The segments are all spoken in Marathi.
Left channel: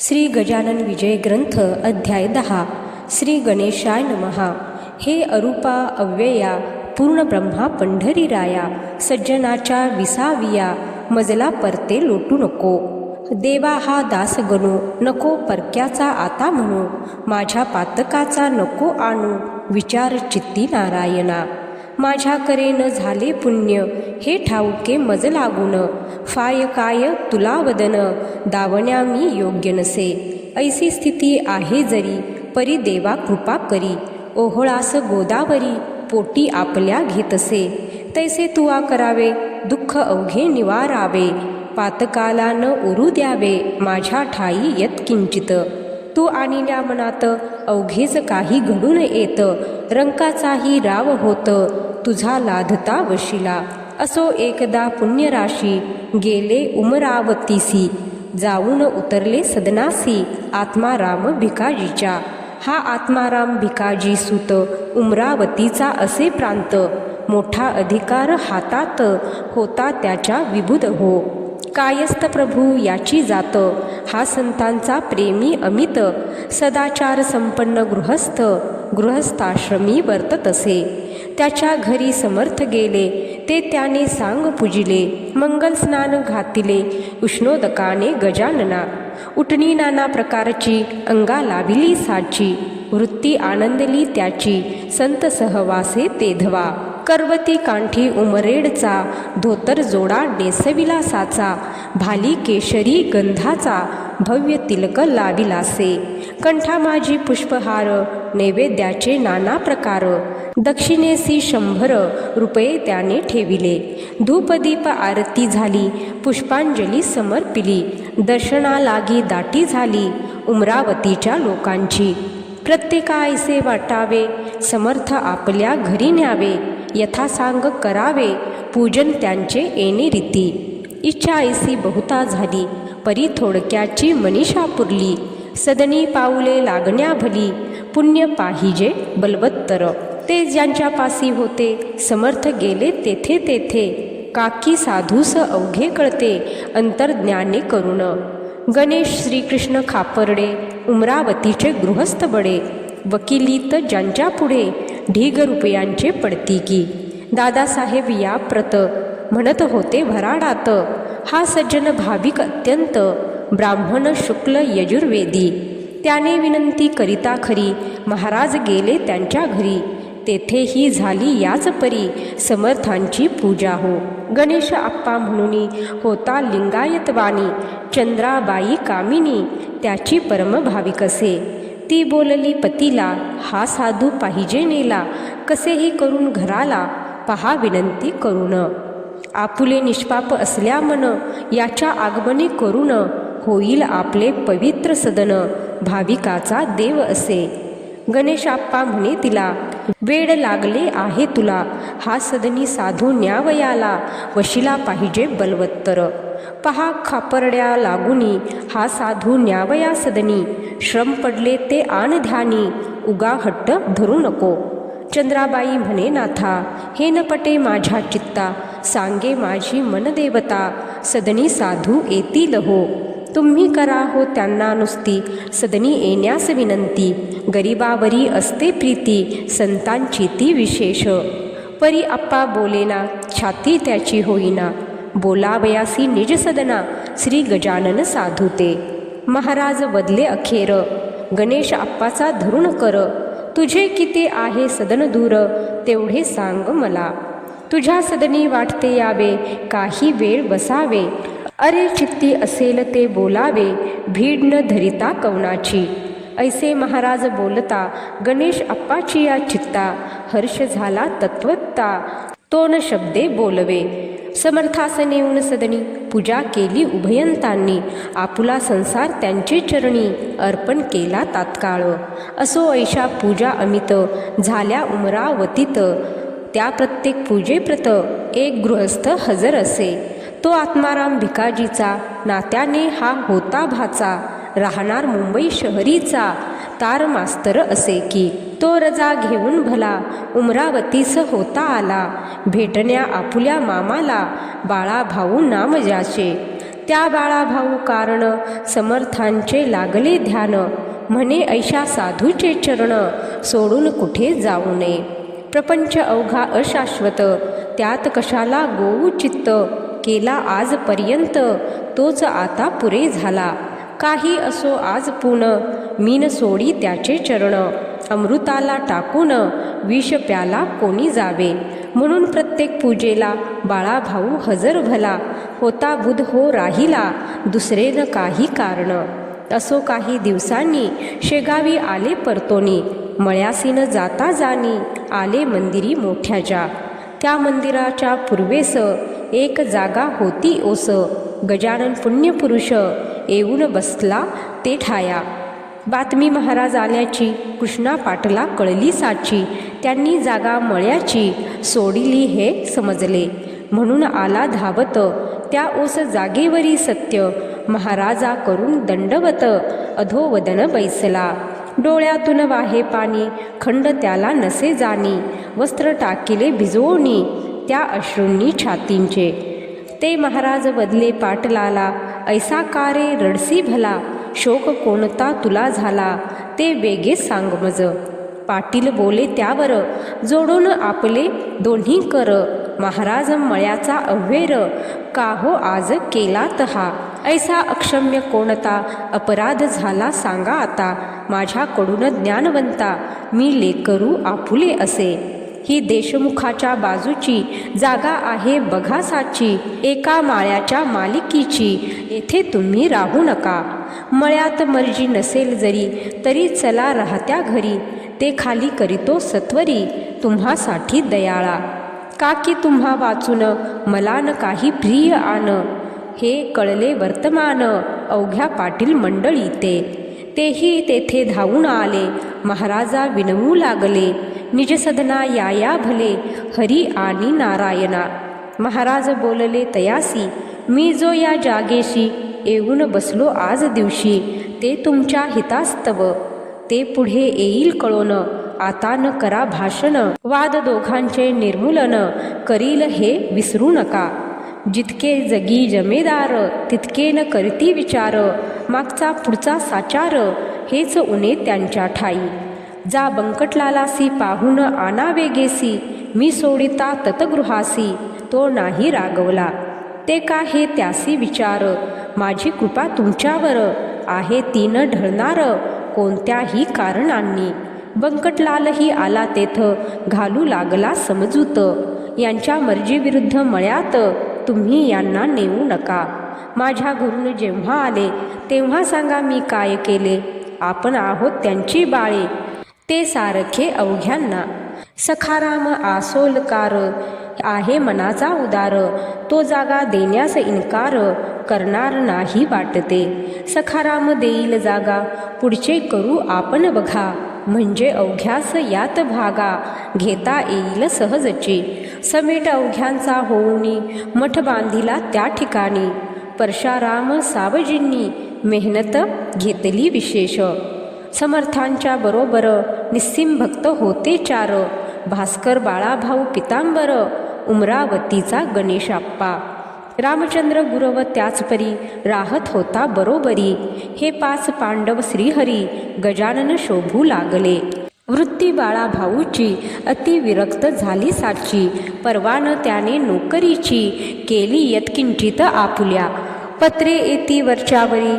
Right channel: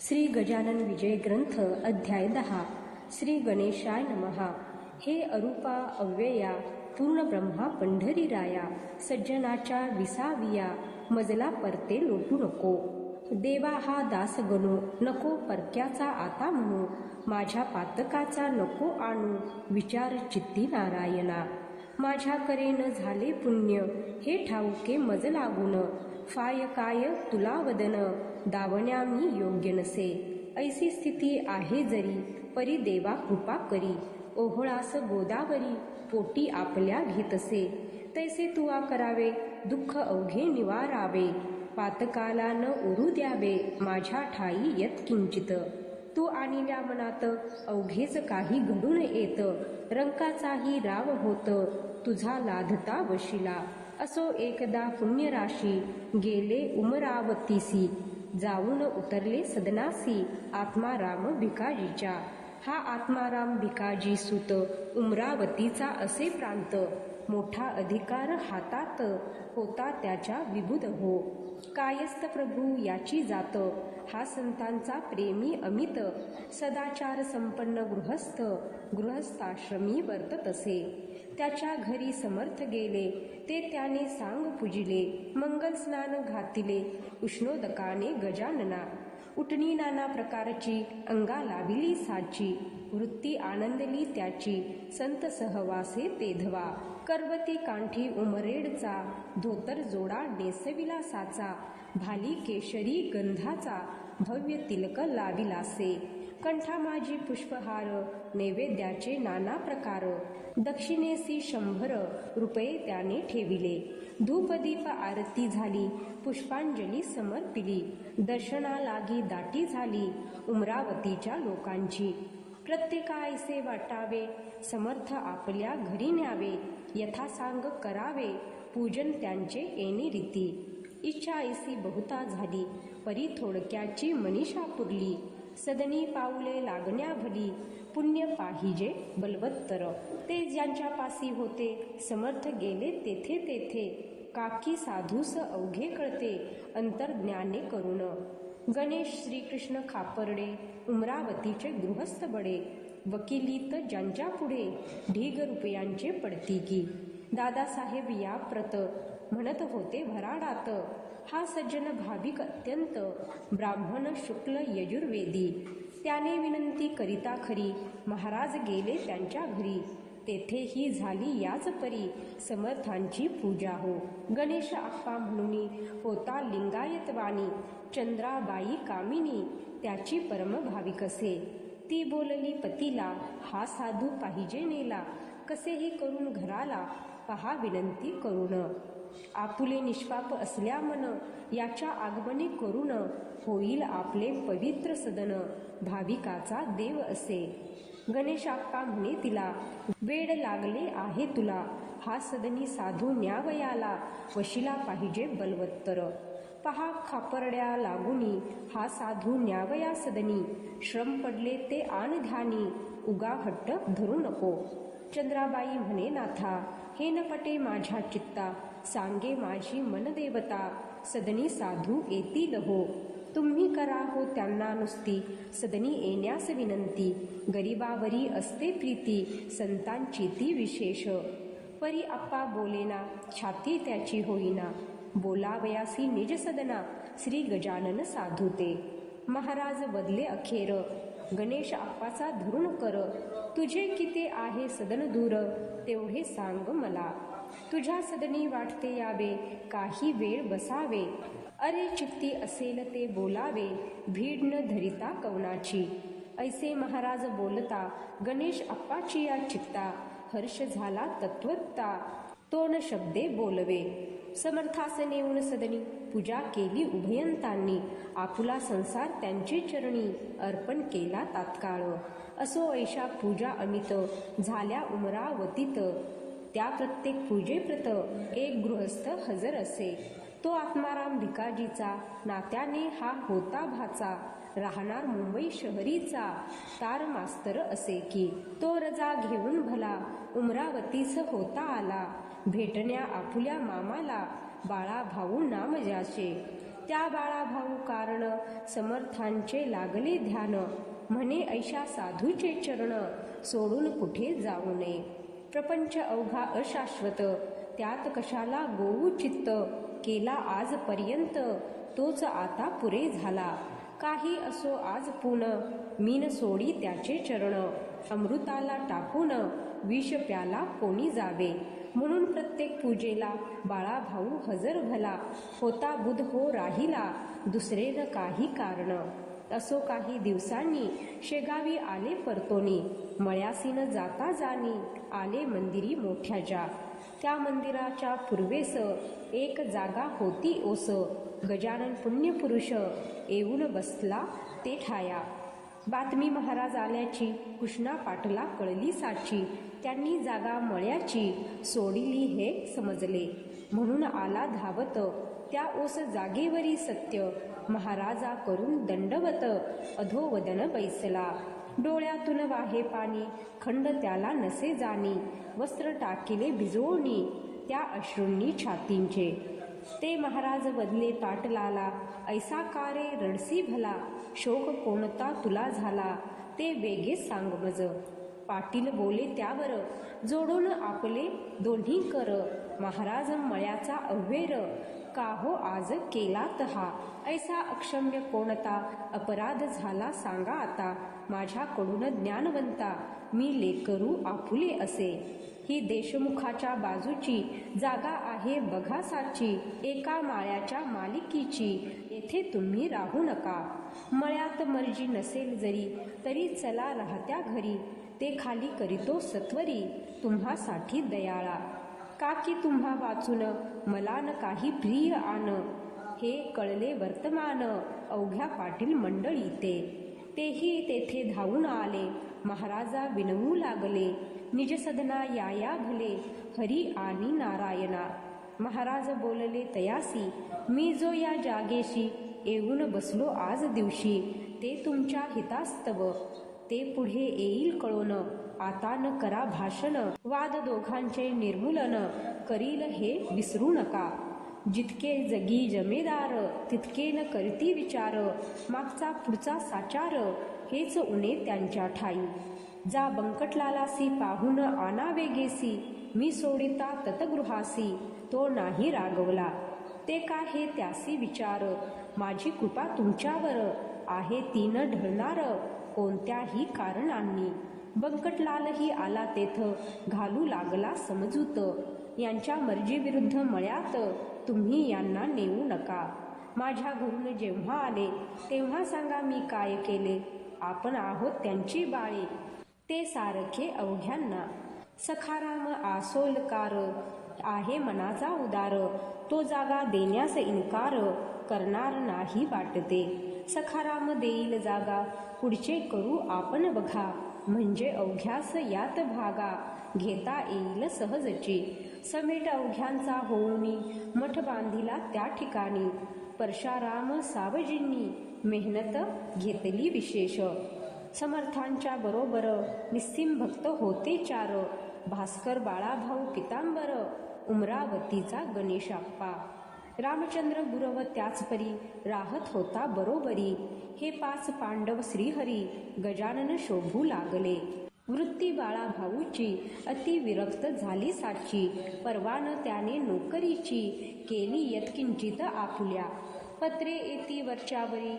श्री गजानन विजय ग्रंथ अध्याय 10. श्री गणेशाय नमहा. हे अरूपा अव्यया पूर्ण ब्रह्मा पंढरीराया, सज्जनाच्या विसाविया मजला परते लोटू नको. देवा हा दास गणू नको परक्याचा आता म्हणू, माझ्या पातकाचा नको आणू विचार चित्ती नारायणा. माझ्या करेन झाले पुण्य हे ठाऊके मज लागून, फाय काय तुला वदन दावण्या मी योग्य नसे. ऐसी स्थिती आहे जरी परी देवा कृपा करी, ओहळास गोदावरी पोटी आपल्या घेतसे. तैसे तुवा करावे दुःख अवघे निवारावे, पातकाला न उरू द्यावे माझ्या ठाई यत्किंचित. तू आणिल्या मनात अवघेच काही घडून येत, रंकाचाही राव होत तुझा लाधता वशिला. असो एकदा पुण्यराशी गेले उमरावतीसी, जाऊन उतरले सदनासी आत्माराम भिकाजीच्या. हा आत्माराम भिकाजी सुत उमरावतीचा असे प्रांत, मोठा अधिकार हातात होता त्याच्या विबुध हो. कायस्थ प्रभू याची जात, हा संतांचा प्रेमी अमित. सदाचार संपन्न गृहस्थ गृहस्थाश्रमी वर्ततसे. त्याच्या घरी समर्थ गेले ते त्याने सांग पूजिले, मंगल स्नान घातिले उष्णोदकाने गजानना. उठणी नाना प्रकारची अंगा लाविली साची, वृत्ती आनंदली त्याची संत सहवासे तेधवा. करवती कांठी उमरेडचा धोतर जोडा नेसविला साचा, भाली केशरी गंधाचा भव्य तिलक लाविलासे. कंठा माझी पुष्पहार नैवेद्याचे नाना प्रकार, दक्षिणेसी 100 रुपये त्याने ठेविले. धूपदीप आरती झाली पुष्पांजली समर्पिली, दर्शनालागी दाटी झाली उमरावतीच्या लोकांची. प्रत्येकायसे वाटावे समर्थ आपल्या घरी न्यावे, यथासांग करावे पूजन त्यांचे येणे रीती. इच्छा ऐसी बहुता झाली परी थोडक्याची मनीषा पुरली, सदनी पाऊले लागण्या भली पुण्य पाहिजे बलवत्तर. ते ज्यांच्या पासी होते समर्थ गेले तेथे तेथे, काकी साधूस अवघे कळते अंतर्ज्ञाने करुण. गणेश श्रीकृष्ण खापर्डे उमरावतीचे गृहस्थ बडे, वकिलीत ज्यांच्या पुढे ढीग रुपयांचे पडती की. दादासाहेब या प्रत म्हणत होते भराडात, हा सज्जन भाविक अत्यंत ब्राह्मण शुक्ल यजुर्वेदी. त्याने विनंती करिता खरी महाराज गेले त्यांच्या घरी, तेथेही झाली याच परी समर्थांची पूजा हो. गणेश आप्पा म्हणून होता लिंगायतवाणी, चंद्राबाई कामिनी त्याची परम भाविकसे. ती बोलली पतीला, हा साधू पाहिजे नेला कसेही करून घराला, पहा विनंती करून. आपुले निष्पाप असल्या मन याच्या आगमने करून, होईल आपले पवित्र सदन भाविकाचा देव असे. गणेश आप्पा म्हणे तिला, वेड लागले आहे तुला हा सदनी साधू न्यावयाला, वशिला पाहिजे बलवत्तर. पहा खापर्ड्या लागुनी हा साधू न्यावया सदनी, श्रम पडले ते आण ध्यानी उगा हट्ट धरू नको. चंद्राबाई म्हणे नाथा, हे न पटे माझ्या चित्ता, सांगे माझी मनदेवता सदनी साधू येतील हो. तुम्ही करा हो त्यांना नुसती सदनी येण्यास विनंती, गरिबावरी असते प्रीती संतांची ती विशेष. परी आप्पा बोलेना छाती त्याची होईना, बोलावयासी निज सदना श्री गजानन साधू ते. महाराज बदले अखेर गणेश आप्पाचा धरुण कर, तुझे किती आहे सदन दूर तेवढे सांग मला. तुझ्या सदनी वाटते यावे काही वेळ बसावे, अरे चित्ती असेल ते बोलावे भीड न धरिता कवनाची. ऐसे महाराज बोलता गणेश आप्पाची या चित्ता, हर्ष झाला तत्वत्ता तो न शब्दे बोलवे. समर्थासन येऊन सदनी पूजा केली उभयंतांनी, आपुला संसार त्यांचे चरणी अर्पण केला तात्काळ. असो ऐशा पूजा अमित झाल्या उमरावतीत, त्या प्रत्येक पूजेप्रत एक गृहस्थ हजर असे. तो आत्माराम भिकाजीचा नात्याने हा होता भाचा, राहणार मुंबई शहरीचा तार मास्तर असे की. तो रजा घेऊन भला उमरावतीस होता आला, भेटण्या आपुल्या मामाला बाळा भाऊ नाम ज्याचे. त्या बाळाभाऊ कारण समर्थांचे लागले ध्यान, म्हणे ऐशा साधूचे चरण सोडून कुठे जाऊ नये. प्रपंच अवघा अशाश्वत, त्यात कशाला गोऊ चित्त, केला आजपर्यंत तोच आता पुरे झाला. काही असो आज पुन, मीन सोडी त्याचे चरण, अमृताला टाकून विष प्याला कोणी जावे. म्हणून प्रत्येक पूजेला बाळाभाऊ हजर भला, होता बुध हो राहिला दुसरे न काही कारण. असो काही दिवसांनी शेगावी आले परतोनी, मळ्यासीन जाता जाणी आले मंदिरी मोठ्या ज्या. त्या मंदिराच्या पूर्वेस एक जागा होती ओस, गजानन पुण्यपुरुष येऊन बसला ते ठाया. बातमी महाराज आल्याची कृष्णा पाटला कळली साची, त्यांनी जागा मळ्याची सोडिली हे समजले. म्हणून आला धावत त्या ओस जागेवरी सत्य, महाराजा करून दंडवत अधोवदन बैसला. डोळ्यातून वाहे पाणी खंड त्याला नसे जाणी, वस्त्र टाकिले भिजवणी त्या अश्रूंनी छातींचे. ते महाराज बदले पाटलाला, ऐसा का रे रडसी भला, शोक कोणता तुला झाला ते वेगे सांग मज. पाटील बोले त्यावर जोडून आपले दोन्ही कर, महाराज मळ्याचा अव्हेर का हो आज केलात हा. ऐसा अक्षम्य कोणता अपराध झाला सांगा आता, माझ्याकडून ज्ञानवंता मी लेकरू आपुले असे. ही देशमुखाच्या बाजूची जागा आहे बघा साची, एका माळ्याच्या मालिकीची येथे तुम्ही राहू नका. मळ्यात मर्जी नसेल जरी तरी चला राहत्या घरी, ते खाली करीतो सत्वरी तुम्हासाठी दयाळा. का की तुम्हा वाचून मला न काही प्रिय आन, हे कळले वर्तमान अवघ्या पाटील मंडळी ते. तेही तेथे धावून आले, महाराजा विनवू लागले, निजसदना या भले हरी आणि नारायणा. महाराज बोलले तयासी, मी जो या जागेशी येऊन बसलो आज दिवशी, ते तुमच्या हितास्तव ते पुढे येईल कळोन. आता न करा भाषण, वाद दोघांचे निर्मूलन करील हे विसरू नका. जितके जगी जमेदार तितके न करती विचार, मागचा पुढचा साचार हेच उणे त्यांच्या ठाई. जा बंकटलालासी पाहून आणावे गेसी, मी सोडिता ततगृहासी तो नाही रागवला. ते का हे त्यासी विचार, माझी कृपा तुमच्यावर आहे ती न ढळणार कोणत्याही कारणांनी. बंकटलालही आला तेथ घालू लागला समजूत, यांच्या मर्जीविरुद्ध मळ्यात तुम्ही यांना नेऊ नका. माझ्या घरून जेव्हा आले तेव्हा सांगा मी काय केले, आपण आहोत त्यांची बाळे ते सारखे अवघ्यांना. सखाराम आसोलकार आहे मनाचा उदार, तो जागा देण्यास इन्कार करणार नाही वाटते. सखाराम देईल जागा पुढचे करू आपण बघा, म्हणजे अवघ्यास यात भागा घेता येईल सहजची. समेट अवघ्यांचा होऊनी मठ बांधिला त्या ठिकाणी, परशाराम सावजींनी मेहनत घेतली विशेष. समर्थांच्या बरोबर निस्सिम भक्त होते चार, भास्कर बाळाभाऊ पितांबर उमरावतीचा गणेशाप्पा. रामचंद्र गुरव त्याचपरी राहत होता बरोबरी, हे 5 पांडव श्रीहरी गजानन शोभू लागले. वृत्ती बाळाभाऊची अतिविरक्त झाली साची, परवान त्याने नोकरीची केली यत्किंचित आपुल्या. पत्रे येती वरच्यावरी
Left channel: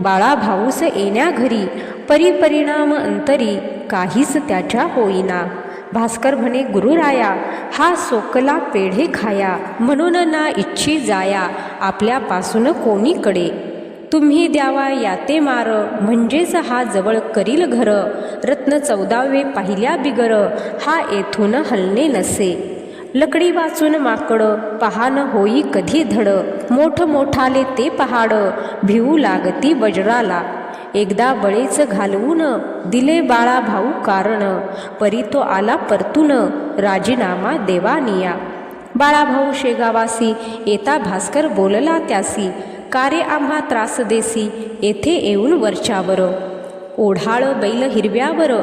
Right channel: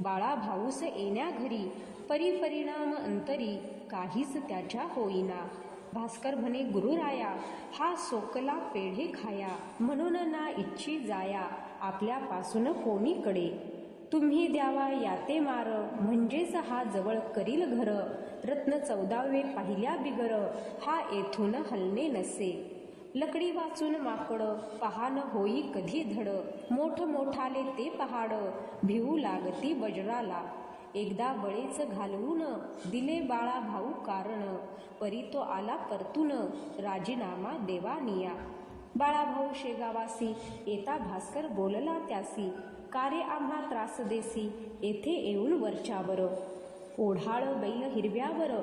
बाळाभाऊस येण्या घरी, परिपरिणाम अंतरी काहीच त्याच्या होईना. भास्कर म्हणे गुरुराया, हा सोकला पेढे खाया, म्हणून ना इच्छी जाया आपल्यापासून कोणीकडे. तुम्ही द्यावा याते मार, म्हणजेच हा जवळ करील घर. रत्न 14वे पाहिल्या बिगर, हा येथून हलणे नसे. लकडी वाचून माकड पहान होई कधी धड, मोठ मोठाले ते पहाड भिवू लागती वज्राला. एकदा बळेच घालवून दिले बाळाभाऊ कारण, परी तो आला परतून राजीनामा देवानिया. बाळाभाऊ शेगावासी येता भास्कर बोलला त्यासी, का रे आम्हा त्रास देसी येथे येऊन वरच्यावर. ओढाळ बैल हिरव्यावर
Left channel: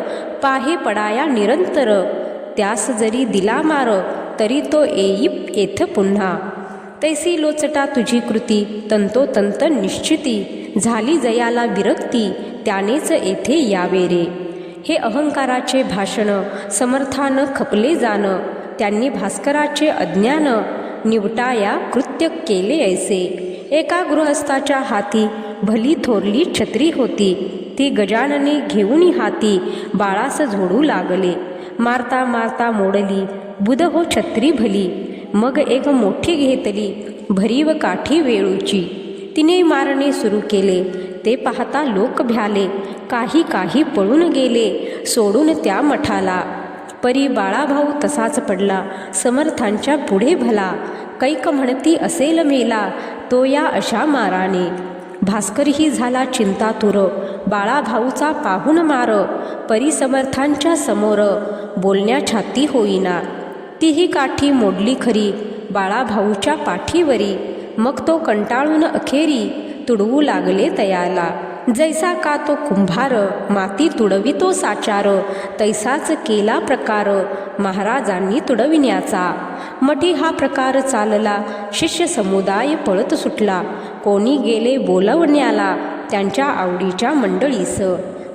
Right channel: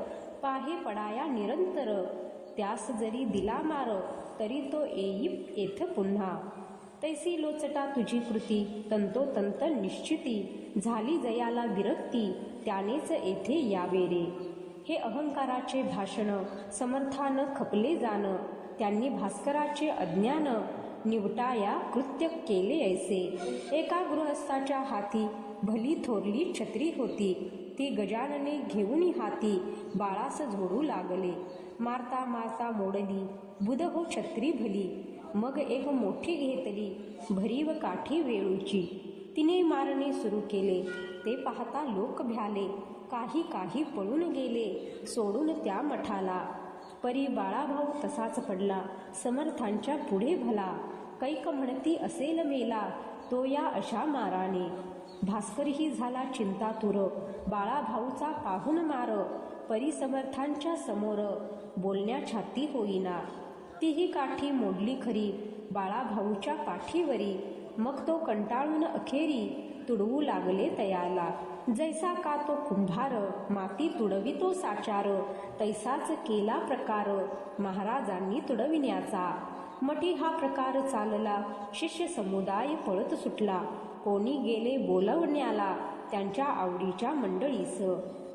पाहे पडाया निरंतर, त्यास जरी दिला मार तरी तो येई येथ पुन्हा. तैसी लोचटा तुझी कृती, तंतोतंत निश्चिती, झाली जयाला विरक्ती, त्यानेच येथे यावे रे. हे अहंकाराचे भाषण समर्थान खपले जाण, त्यांनी भास्कराचे अज्ञान निवटाया कृत्य केले ऐसे. एका गृहस्थाच्या हाती भली थोरली छत्री होती, ती गजानने घेऊन हाती बाळास झोडू लागले. मारता मारता मोडली बुध हो छत्री भली, मग एक मोठी घेतली भरीव काठी वेळूची. तिने मारणे सुरू केले, ते पाहता लोक भ्याले, काही काही पळून गेले सोडून त्या मठाला. परी बाळाभाऊ तसाच पडला समर्थांच्या पुढे भला, कैक म्हणती असेल मेला तो या अशा माराने. भास्करही झाला चिंतातुर, बाळाभाऊचा पाहून मार, परी समर्थांच्या समोर बोलण्या छाती होईना. तीही काठी मोडली खरी बाळाभाऊच्या पाठीवरी, मग तो कंटाळून अखेरी तुडवू लागले तयाला. जैसा का तो कुंभार माती तुडवितो साचार, तैसाच केला प्रकार महाराजांनी तुडविण्याचा. मठी हा प्रकार चालला, शिष्य समुदाय पळत सुटला, कोणी गेले बोलवण्याला त्यांच्या आवडीच्या मंडळीस.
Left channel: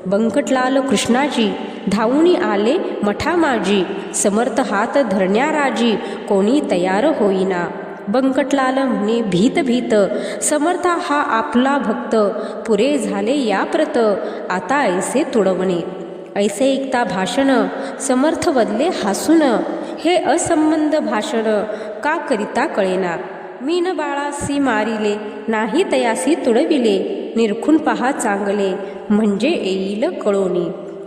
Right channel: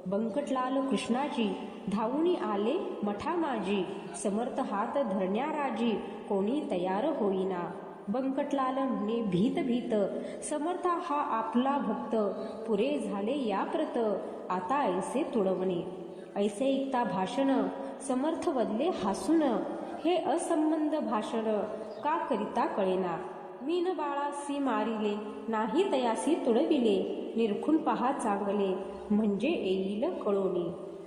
बंकटलाल कृष्णाजी धावून आले मठामाजी, समर्थ हात धरण्याराजी कोणी तयार होईना. बंकटलाल म्हणे भीत भीत, समर्थ हा आपला भक्त, पुरे झाले या प्रत, आता ऐसे तुडवणे. ऐसे ऐकता भाषण समर्थ बदले हसून, हे असंबंध भाषण का करिता कळेना. मीन बाळासी मारिले नाही तयासी तुडविले, निरखून पहा चांगले म्हणजे येईल कळोनी.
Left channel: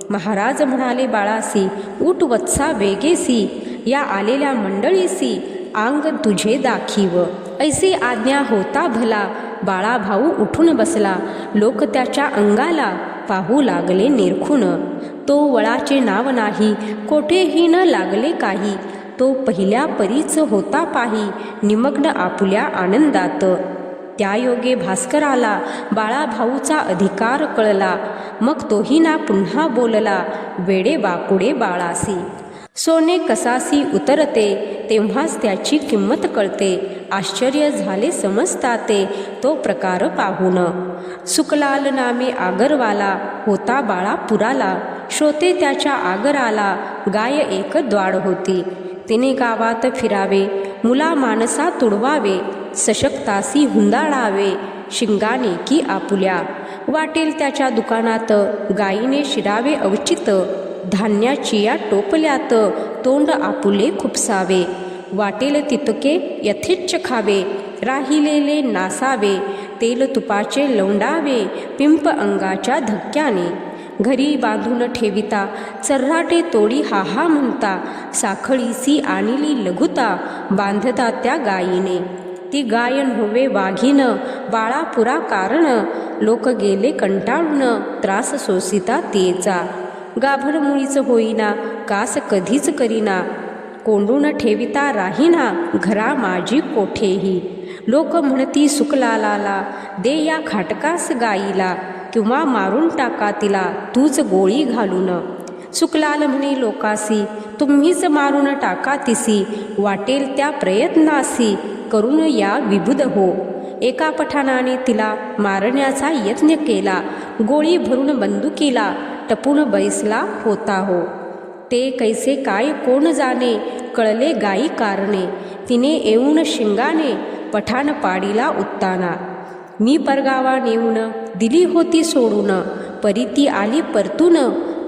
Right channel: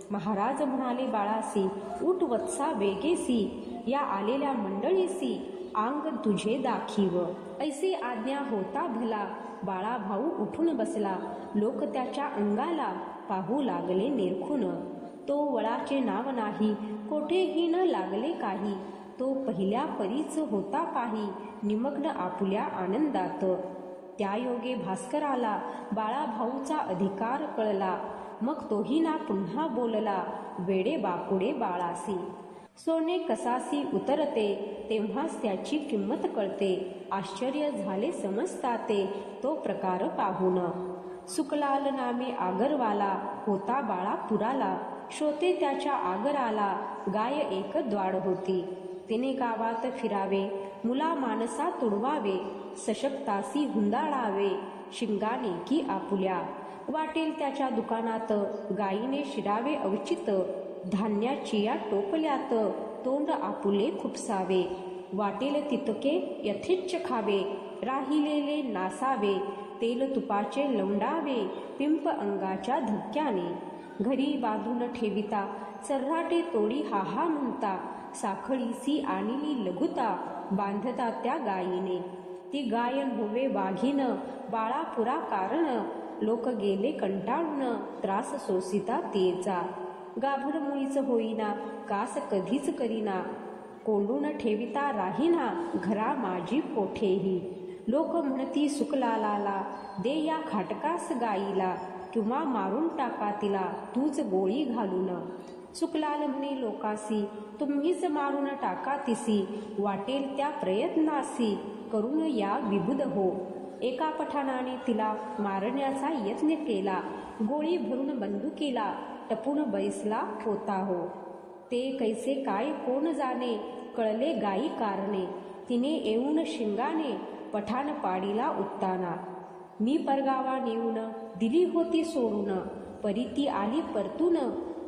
महाराज म्हणाले बाळासी, उठ वत्सा वेगेसी, या आलेल्या मंडळीसी अंग तुझे दाखीव. ऐसी आज्ञा होता भला, बाळाभाऊ उठून बसला, लोक त्याच्या अंगाला पाहू लागले निरखून. तो वळाचे नाव नाही कोठेही न लागले काही, तो पहिल्या परीच होता पाही निमग्न आपुल्या आनंदात. त्या योगे भास्कराला बाळाभाऊचा अधिकार कळला, मग तोही ना पुन्हा बोलला, वेडे बापुडे बाळासी. सोने कसासी उतरते तेव्हाच त्याची किंमत कळते, आश्चर्य झाले समजताते तो प्रकार पाहून. सुकलाल नामे आगरवाला होता बाळापुराला, श्रोते त्याच्या आगराला गाय एक द्वाड होती. तिने गावात फिरावे मुला माणसा तुडवावे, सशक्तासी हुंदाळावे शिंगाने की आपुल्या. वाटेल त्याच्या दुकानात गायीने शिरावे अवचित, धान्याची या टोपल्यात तोंड आपुले खुपसावे. वाटेल तितके यथेच्छ खावे, राहिलेले नासावे, तेल तुपाचे लवंडावे पिंप अंगाच्या धक्क्याने. घरी बांधून ठेविता चर्राटे तोडी हा म्हणता, साखळीसी आणली लघुता बांधता त्या गायीने. ती गाय नव्हे वाघीन बाळापुरा कारण, लोक गेले कंटाळून त्रास सोसिता तिचा. गाभण मुळीच होईना कास कधीच करीना, कोंडून ठेविता राहीना घरा माझी कोठेही. लोक म्हणती सुकलालाला, दे या खाटकास गाईला, किंवा मारून टाका तिला तूच गोळी घालून. सुकलाल म्हणे लोकासी, तुम्हीच मारून टाका तिसी, वाटेल त्या प्रयत्नासी करून या विबुध हो. एका पठाणाने तिला मारण्याचा यत्न केला, गोळी भरून बंदुकीला टपून बैसला होता हो. ते कैसे काय कोण जाणे, कळले गायी कारणे, तिने येऊन शिंगाने पठाण पाडीला उत्ताना. मी परगावा नेऊन दिली होती सोडून, परी ती आली परतून,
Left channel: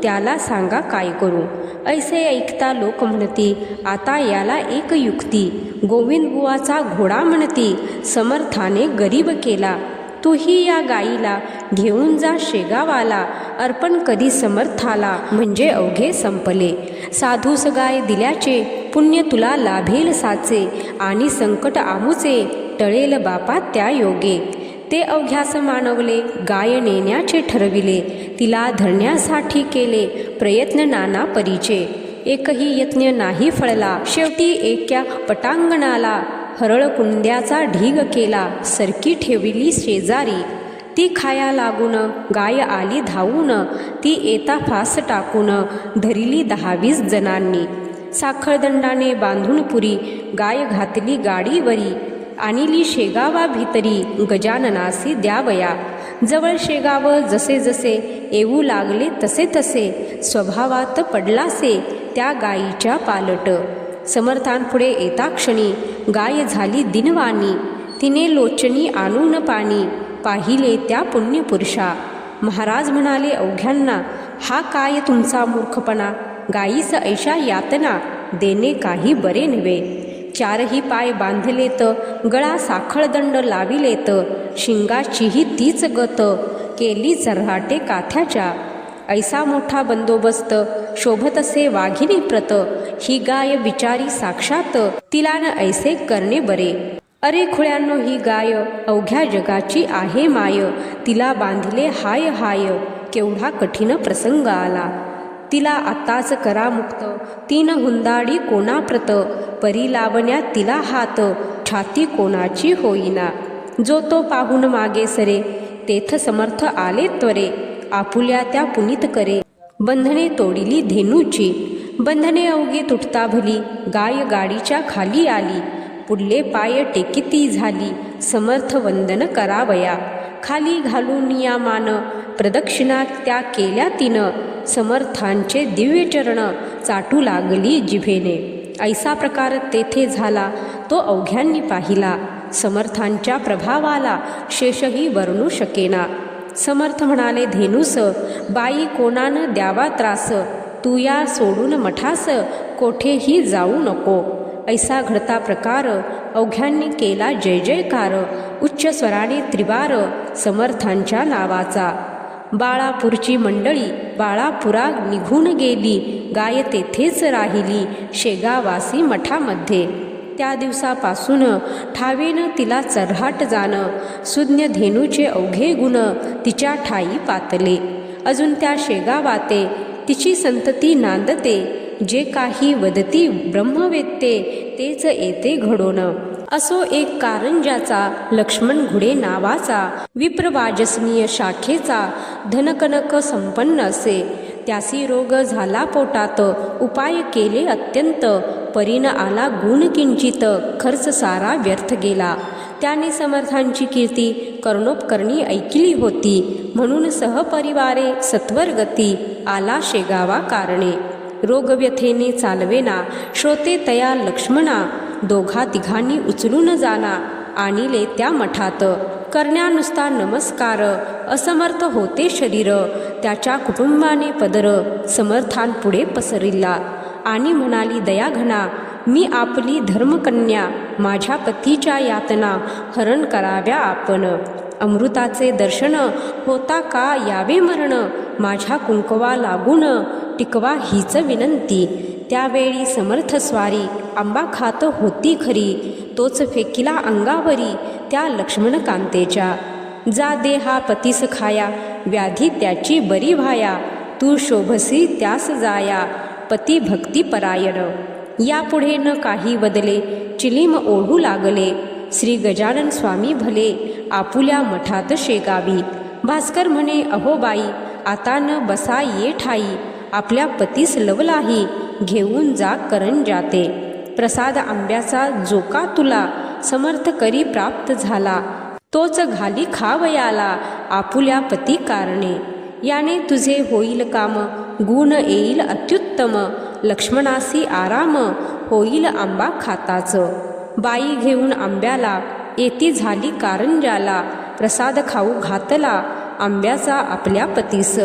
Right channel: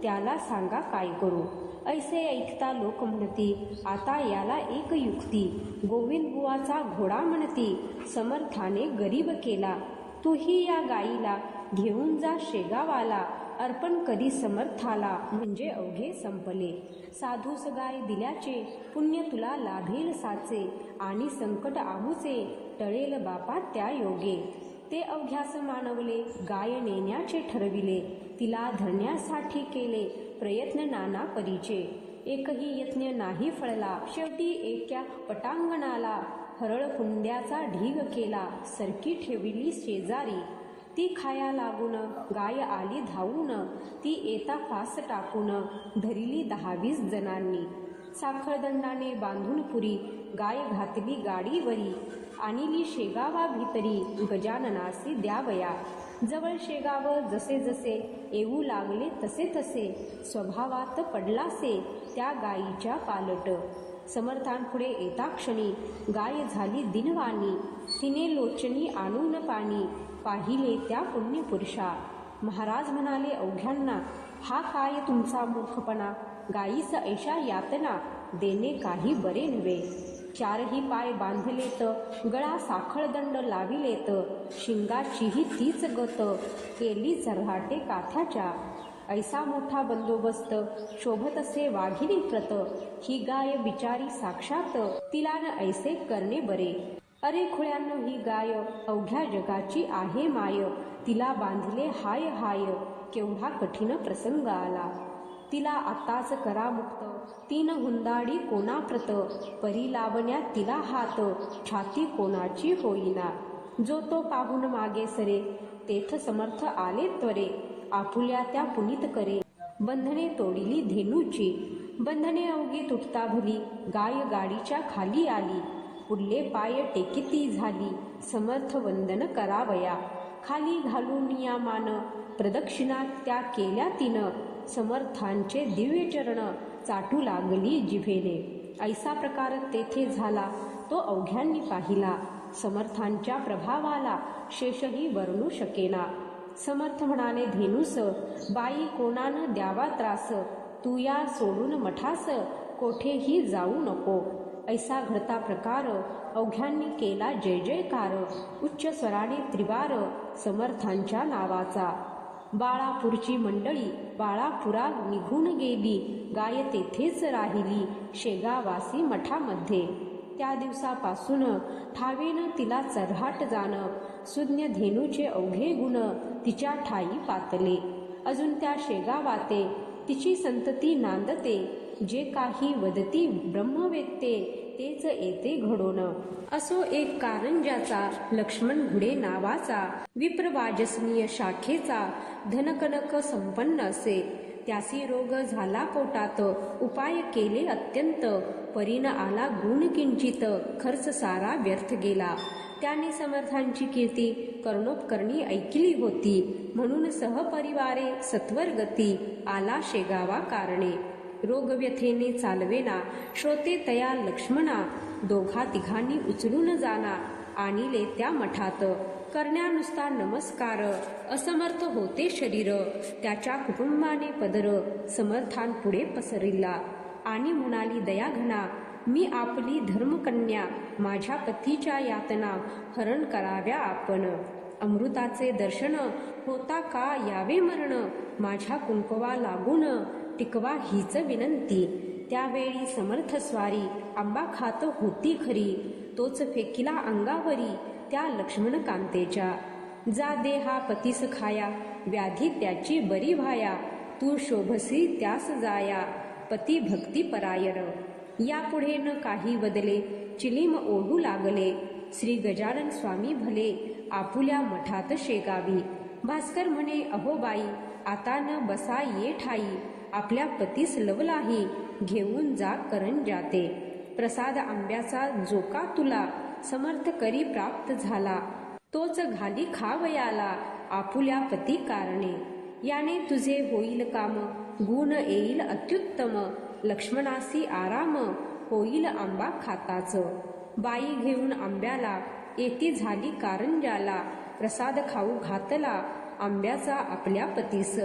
त्याला सांगा काय करू. ऐसे ऐकता लोक म्हणती, आता याला एक युक्ती, गोविंद बुवाचा घोडा म्हणती, समर्थाने गरीब केला. तूही या गाईला घेऊन जा शेगावाला, अर्पण कधी समर्थाला म्हणजे अवघे संपले. साधूस गाय दिल्याचे पुण्य तुला लाभेल साचे, आणि संकट आमुचे टळेल बापा त्या योगे. ते अवघ्यास मानवले गाय नेण्याचे ठरविले, तिला धरण्यासाठी केले प्रयत्न नाना परीचे. एकही यत्न नाही फळला, शेवटी एका पटांगणाला हरळ कुंड्याचा ढीग केला, सरकी ठेवली शेजारी. ती खाया लागून गाय आली धावून, ती येता फास टाकून धरिली 10-20 जणांनी. साखळदंडाने बांधून पुरी गाय घातली गाडीवरी, आणिली शेगावा भितरी गजाननासी द्यावया. जवळ शेगाव जसे जसे येऊ लागले तसे तसे स्वभावात पडलासे त्या गायीच्या पालट. समर्थांपुढे येता क्षणी गाय झाली दिनवाणी. तिने लोचनी आणून पाणी पाहिले त्या पुण्यपुरुषा. महाराज म्हणाले अवघ्यांना, हा काय तुमचा मूर्खपणा. गायीस ऐशा यातना देणे काही बरे नव्हे. चारही पाय बांधलेत, गळा साखळदंड लाविलेत, शिंगाचीही तीच गत केली चऱ्हाटे काथ्याच्या. ऐसा मोठा बंदोबस्त शोभत असे वाघिणी प्रत. ही गाय बिचारी साक्षात तिला न ऐसे करणे बरे. अरे खुळ्यांनो, ही गाय अवघ्या जगाची आहे माय. तिला बांधिले हाय हाय केवढा कठीण प्रसंग आला. तिला आत्ताच करा मुक्त, तीन हुंदाडी कोणाप्रत. परी लावण्यात तिला हात, छाती कोणाची होईना. जो तो पाहून मागे सरे, तेथ समर्थ आले त्वरे. आपुल्या त्या पुनीत करे, बंधने तोडिली धेनूची. बंधने अवघे तुटता भली, गाय गाडीच्या खाली आली. पुढले पाय टेकिती झाली, समर्थ वंदन करावया. खाली घालून या मान, प्रदक्षिणा त्या केल्या तिनं. समर्थांचे दिव्य चरण चाटू लागली जिभेने. ऐसा प्रकार तेथे झाला तो अवघ्यांनी पाहिला. समर्थांच्या प्रभावाला शेषही वर्णू शकेना. समर्थ म्हणाले धेनूस, बाई कोणानं द्यावा त्रास. तू या सोडून मठास, कोठेही जाऊ नको. ऐसा घडता प्रकार अवघ्यांनी केला जय जयकार. उच्च स्वराने त्रिवार समर्थांच्या नावाचा. बाळापूरची मंडळी बाळापुरा निघून गेली. गाय तेथेच राहिली शेगावासी मठामध्ये. त्या दिवसापासून ठावेनं तिला चऱ्हाट जाणं. सुज्ञ धेनूचे अवघे गुण तिच्या ठाई पातले. अजून त्या शेगावाते तिची संतती नांदते. जे काही वदती ब्रह्मवेत्ते तेच येते घडोन. असो एक कारंजाचा लक्ष्मण घुडे नावाचा. विप्रवाजसनीय शाखेचा धनकनक संपन्न असे. त्यासी रोग झाला पोटात, उपाय केले अत्यंत. परीन आला गुण किंचित, खर्च सारा व्यर्थ गेला. त्याने समर्थांची कीर्ती कर्णोपकर्णी ऐकिली होती. म्हणून सहपरिवारे सत्वर गती आला शेगावा कारणे. रोगव्यथेने चालवेना श्रोते तया लक्ष्मणा. दोघा तिघांनी उचलून जाना आणिले त्या मठात. करण्या नुसता नमस्कार असमर्थ होते शरीर. त्याच्या कुटुंबाने पदर समर्थांपुढे पसरिला. आणि म्हणाली दयाघना, मी आपली धर्मकन्या. माझ्या पतीच्या यातना हरण कराव्या आपण. अमृताचे दर्शन होता का यावे मरण. माझ्या कुंकवा लागून टिकवा हीच विनंती. त्यावेळी समर्थ स्वारी आंबा खात होती खरी. तोच फेकिला अंगावरी त्या लक्ष्मण कांतेच्या. जा दे हा पतीस खाया, व्याधी त्याची बरी व्हाया. तू शोभसी त्यास जाया, पती भक्ती परायण. यापुढे न काही बदले, चिलीम ओढू लागले. श्री गजानन स्वामी भले आपुल्या मठात शेगावी. भास्कर म्हणे, अहो बाई, आता न बसा ये ठाई. आपल्या पतीस लवलाही घेऊन जा करंजाते. प्रसाद आंब्याचा जोका तुला समर्थ करी प्राप्त झाला. तोच घाली खावयाला आपुल्या पती कारणे. याने तुझे होईल काम, गुण येईल अत्युत्तम. लक्ष्मणासी आराम होईल आंबा खाताच. बाई घेऊन आंब्याला येती झाली कारंजाला. प्रसाद खाऊ घातला आंब्याचा आपल्या पतीस.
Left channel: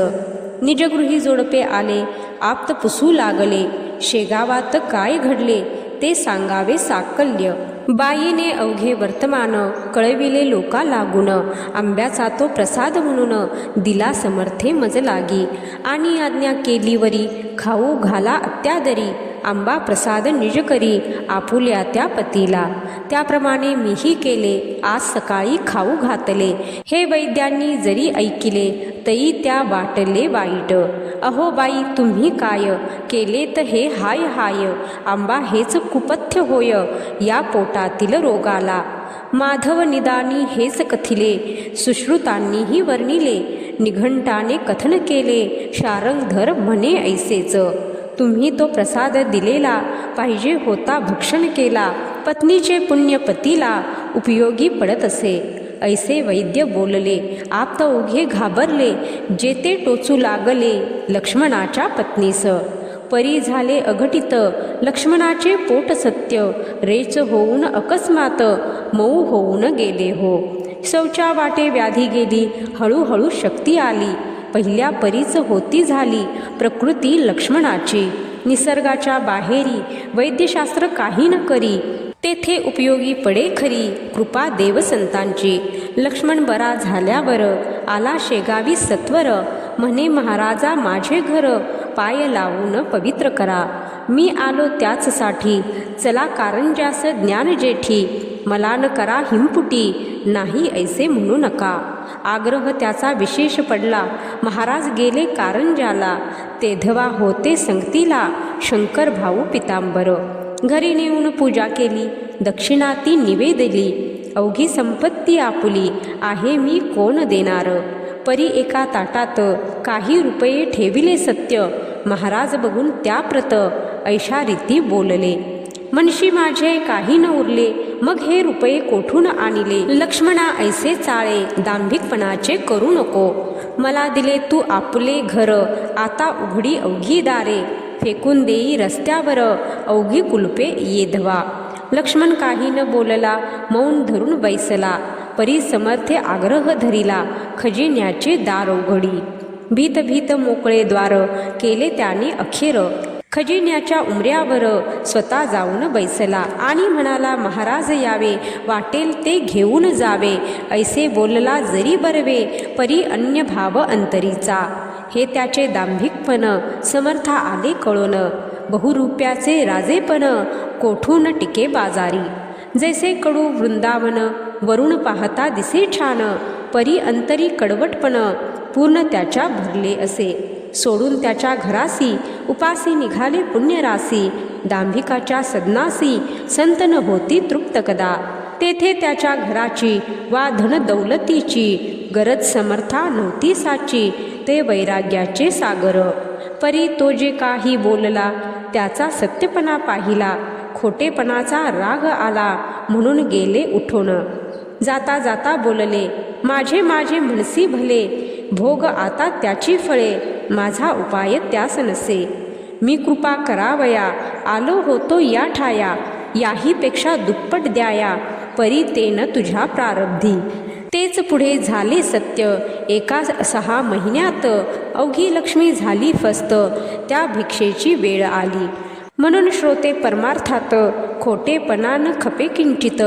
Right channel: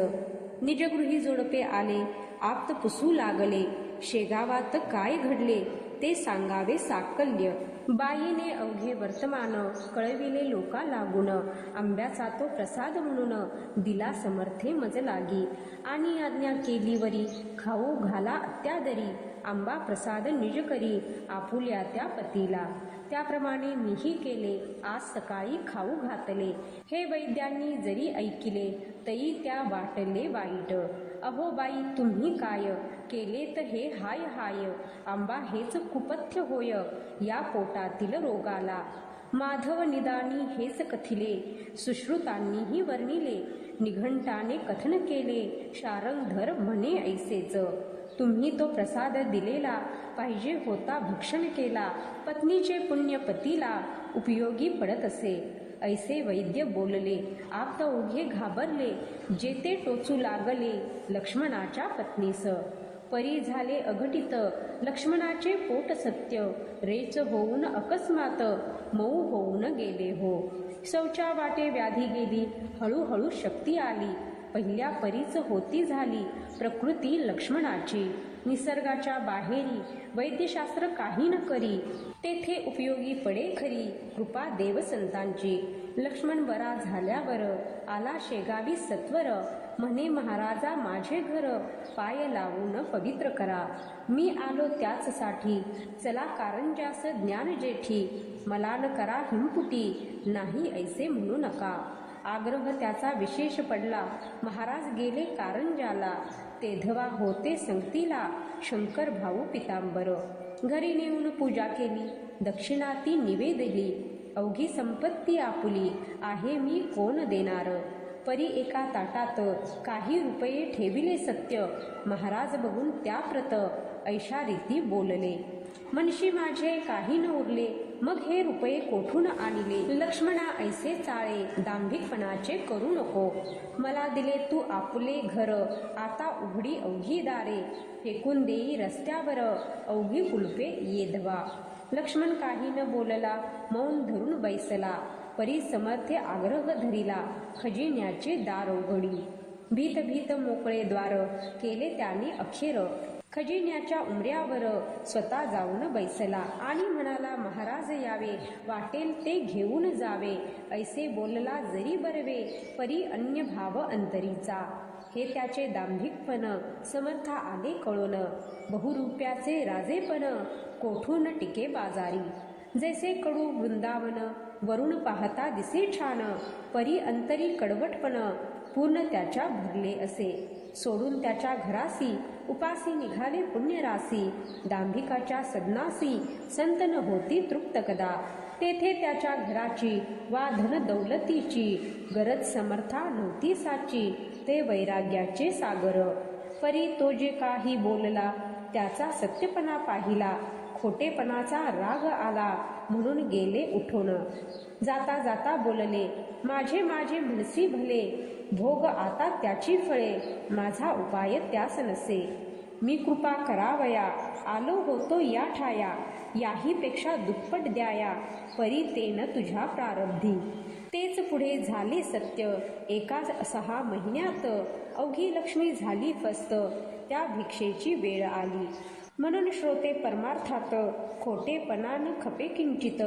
निजगृही जोडपे आले, आप्त पुसू लागले. शेगावात काय घडले ते सांगावे साकल्य. बाईने अवघे वर्तमान कळविले लोका लागून. आंब्याचा तो प्रसाद म्हणून दिला समर्थे मज लागी. आणि आज्ञा केली वरी खाऊ घाला अत्यादरी. आंबा प्रसाद निज करी आपुल्या त्या पतीला. त्याप्रमाणे मीही केले, आज सकाळी खाऊ घातले. हे वैद्यांनी जरी ऐकिले तरी त्या वाटले वाईट. अहो बाई, तुम्ही काय केलेत हे हाय हाय. आंबा हेच कुपथ्य होय या पोटातील रोगाला. माधव निदानी हेच कथिले, सुश्रुतांनीही वर्णिले. निघंटाने कथन केले, शारंगधर म्हणे ऐसेच. तुम्ही तो प्रसाद दिलेला, पाहिजे होता भक्षण केला. पत्नीचे पुण्य पतीला उपयोगी पडत असे. ऐसे वैद्य बोलले. आप्त ओघे घाबरले. जेते टोचू लागले लक्ष्मणाच्या पत्नीस. परी झाले अघटित लक्ष्मणाचे पोट सत्य. रेच होऊन अकस्मात मऊ होऊन गेले हो. शौचा वाटे व्याधी गेली. हळूहळू शक्ती आली. पहिल्या परीच होती झाली प्रकृती लक्ष्मणाची. निसर्गाच्या बाहेरी वैद्यशास्त्र काही न करी. तेथे उपयोगी पडे खरी कृपा देवसंतांची. लक्ष्मण बरा झाल्यावर आला शेगावी सत्वर. म्हणे महाराजा माझे घर पाय लावून पवित्र करा. मी आलो त्याचसाठी चला कारंजास ज्ञान जेठी. मला न करा हिमपुटी नाही ऐसे म्हणू नका. आग्रह त्याचा विशेष पडला. महाराज गेले कारंजाला. तेधवा होते संगतीला शंकर भाऊ पितांबर. घरी नेऊन पूजा केली. दक्षिणा ती निवेदली. अवघी संपत्ती आपुली आहे मी कोण देणार. परी एका ताटात काही रुपये ठेविले सत्य. महाराज बघून त्या प्रत ऐशा रीती बोलले. मनशी माझे काही न उरले मग हे रुपये कोठून आणले. लक्ष्मणा ऐसे चाळे दांभिकपणाचे करू नको. मला दिले तू आपले घर आता उघडी अवघी दारे. फेकून देई रस्त्यावर अवघी कुलपे येधवा. लक्ष्मण काही न बोलला मौन धरून बैसला. परी समर्थे आग्रह धरिला खजिन्याचे दार उघडी. भीत भीत मोकळे द्वार केले त्याने अखेर. खजिन्याच्या उमऱ्यावर स्वतः जाऊन बैसला आणि म्हणाला महाराज यावे वाटेल ते घेऊन जावे. ऐसे बोलला जरी बरवे परी अन्य भाव अंतरीचा. हे त्याचे दांभिकपण समर्था आले कळून. बहुरूप्याचे राजेपण कोठून टिके बाजारी. जैसे कडू वृंदावन वरून पाहता दिसे छान. परी अंतरी कडवटपण पूर्ण त्याच्या भरले असे. सोडून त्याच्या घरासी उपासी निघाले पुण्यरासी. दांभिकाच्या सदनासी संत न होती तृप्त कदा. तेथे त्याच्या घराची वा धन दौलतीची गरज समर्था नव्हती साची. ते वैराग्याचे सागर. परी तो जे काही बोलला त्याचा सत्यपणा पाहिला. खोटेपणाचा राग आला म्हणून गेले उठून. जाता जाता बोलले माझे माझे म्हणसी भले. भोग आता त्याची फळे माझा उपाय त्यास नसे. मी कृपा करावया आलो होतो या ठाया. याहीपेक्षा दुप्पट द्याया परी तेन तुझ्या प्रारब्धी. तेच पुढे झाले सत्य. एका 6 महिन्यात अवघी लक्ष्मी झाली फस्त. त्या भिक्षेची वेळ आली. म्हणून श्रोते परमार्थात खोटेपणा न खपे किंचित.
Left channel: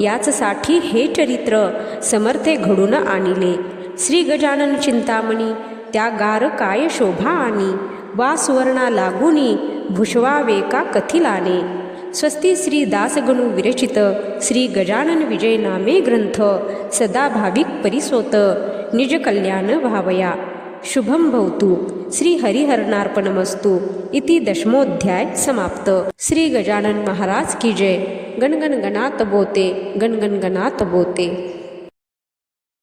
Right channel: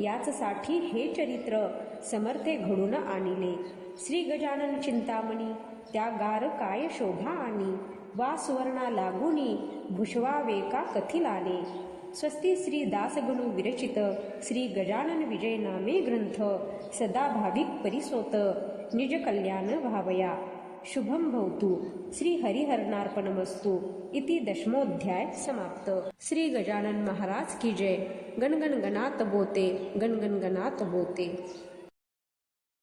याचसाठी हे चरित्र समर्थे घडून आणले. श्री गजानन चिंतामणी त्या गार काय शोभा आणि. वा सुवर्णा लागुनी भुषवावे का कथिलाने. स्वस्ती श्री दासगणू विरचित श्री गजानन विजय नामे ग्रंथ. सदा भाविक परिसोत निज कल्याण भावया. शुभम भवतु. श्री हरिहरनार्पणमस्तु. इति 10मोऽध्याय समाप्त. श्री गजानन महाराज की जय. गणगण गणात बोते गणगण गणात बोते.